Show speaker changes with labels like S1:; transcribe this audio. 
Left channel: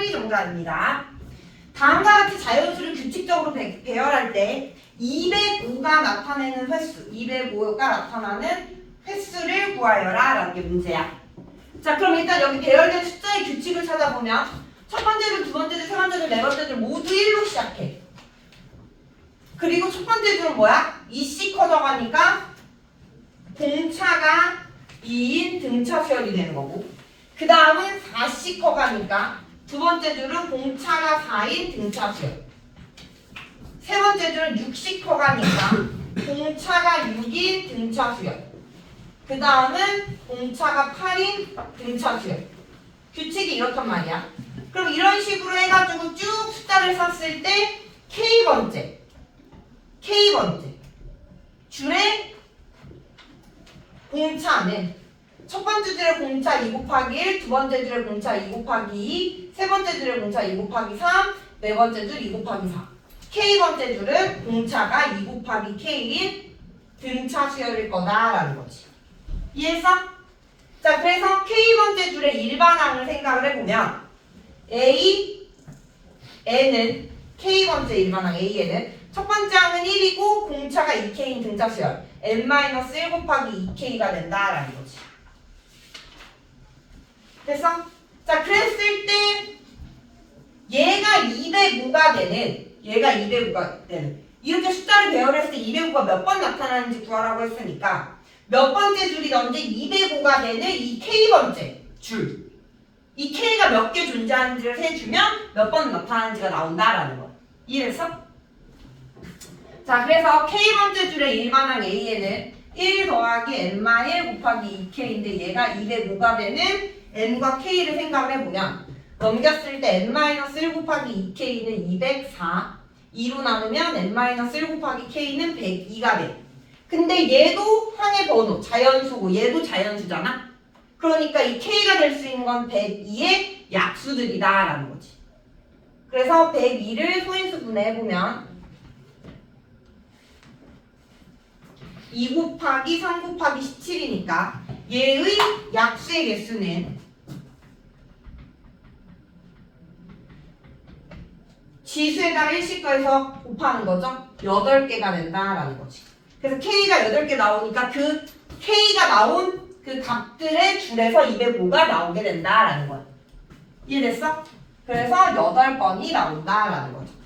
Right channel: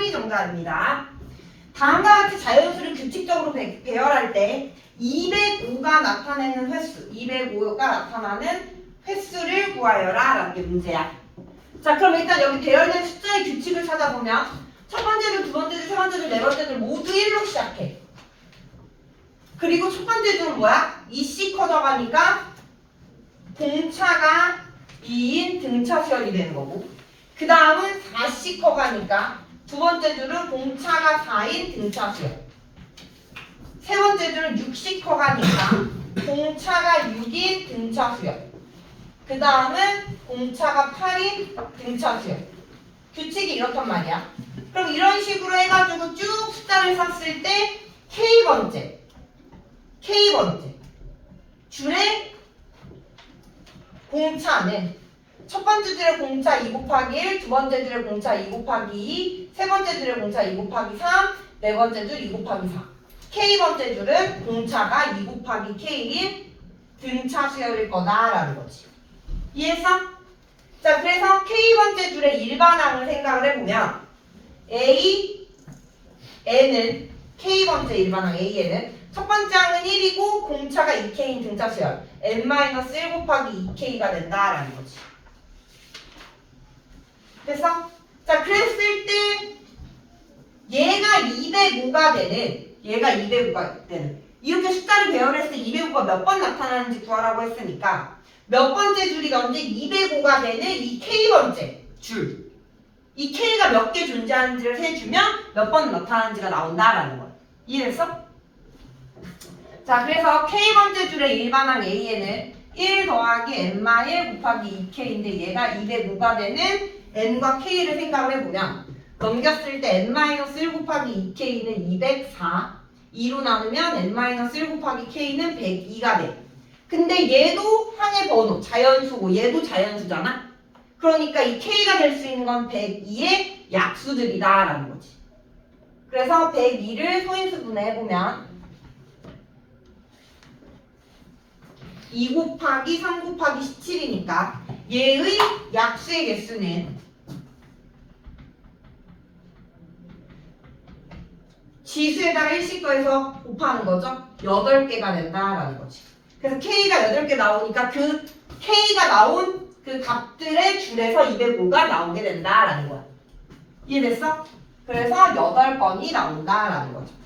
S1: 3이 정답입니다. 다음과 같이 자연수를 규칙적으로 배, 배열할 때 205가 나타내는 횟수, 205가 나타나는 횟수를 구하여라 라는 게 문제야. 자 그럼 일단 여기 배열된 숫자의 규칙을 찾아보면 첫 번째 줄, 두 번째 줄, 세 번째 줄, 네 번째 줄 모두 1로 시작해. 그리고 첫 번째 줄은 뭐야? 2씩 커져가니까 공차가 2인 등차 수열이 되는 거고 그 다음은 4씩 커가니까 두 번째 줄은 공차가 4인 등차 수열 세 번째 줄은 6씩 커가니까 공차가 6인 등차 수열 그 다음은 공차가 8인 등차 수열 규칙이 이렇단 말이야. 그럼 이런 식으로 해가지고 쭉 숫자를 샀을 때 K번째. K번째. 줄의 공차는 첫 번째 줄의 공차 2 곱하기 1, 두 번째 줄의 공차 2 곱하기 2, 세 번째 줄의 공차 2 곱하기 3, 네 번째 줄 2 곱하기 4. K번째 줄은 공차가 2 곱하기 K인 등차 수열일 거다라는 거지. 이해했어? 자, 그래서 K번째 줄의 일반항을 생각을 해보면 A, N은 K번째 일반항 A에는 첫 번째 항은 1이고 공차가 2K인 등차 수열 n-1 곱하기 2K가 된다라는 거지. 됐어? 자, 그랬을 때 얘가 205가 되는 얘가 205가 되는 이렇게 숫자를 배열했을 때 205가 몇 번 나타나는지 구하라고 했으니까 몇 번째 줄이던지 205가 되는 이 K번째 줄. 이 K가 몇 개 존재하는지를 해주면 몇 번 나타나는지가 나온다라는 거야. 이해했어? 자, 그래서 K번째 줄의 일반항 A에는 1 더하기 n-1 곱하기 2K인데 얘가 205가 되는 n과 K를 생각을 해보면 넘겼을 때 n-1 곱하기 2K는 204 2로 나누면 n-1 곱하기 K는 102가 돼. 근데 얘도 항의 번호, 자연수고 얘도 자연수잖아? 그러니까 이 K가 될 수 있는 건 102의 약수들이다 라는 거지. 그래서 102를 소인수 분해해보면 2 곱하기 3 곱하기 17이니까 얘의 약수의 개수는 지수에다가 1씩 더해서 곱하는 거죠. 8개가 된다라는 거지. 그래서 K가 8개 나오니까 그 K가 나온 그 값들의 줄에서 205가 나오게 된다라는 거야. 이해됐어? 그래서 8번이 나온다라는 거죠.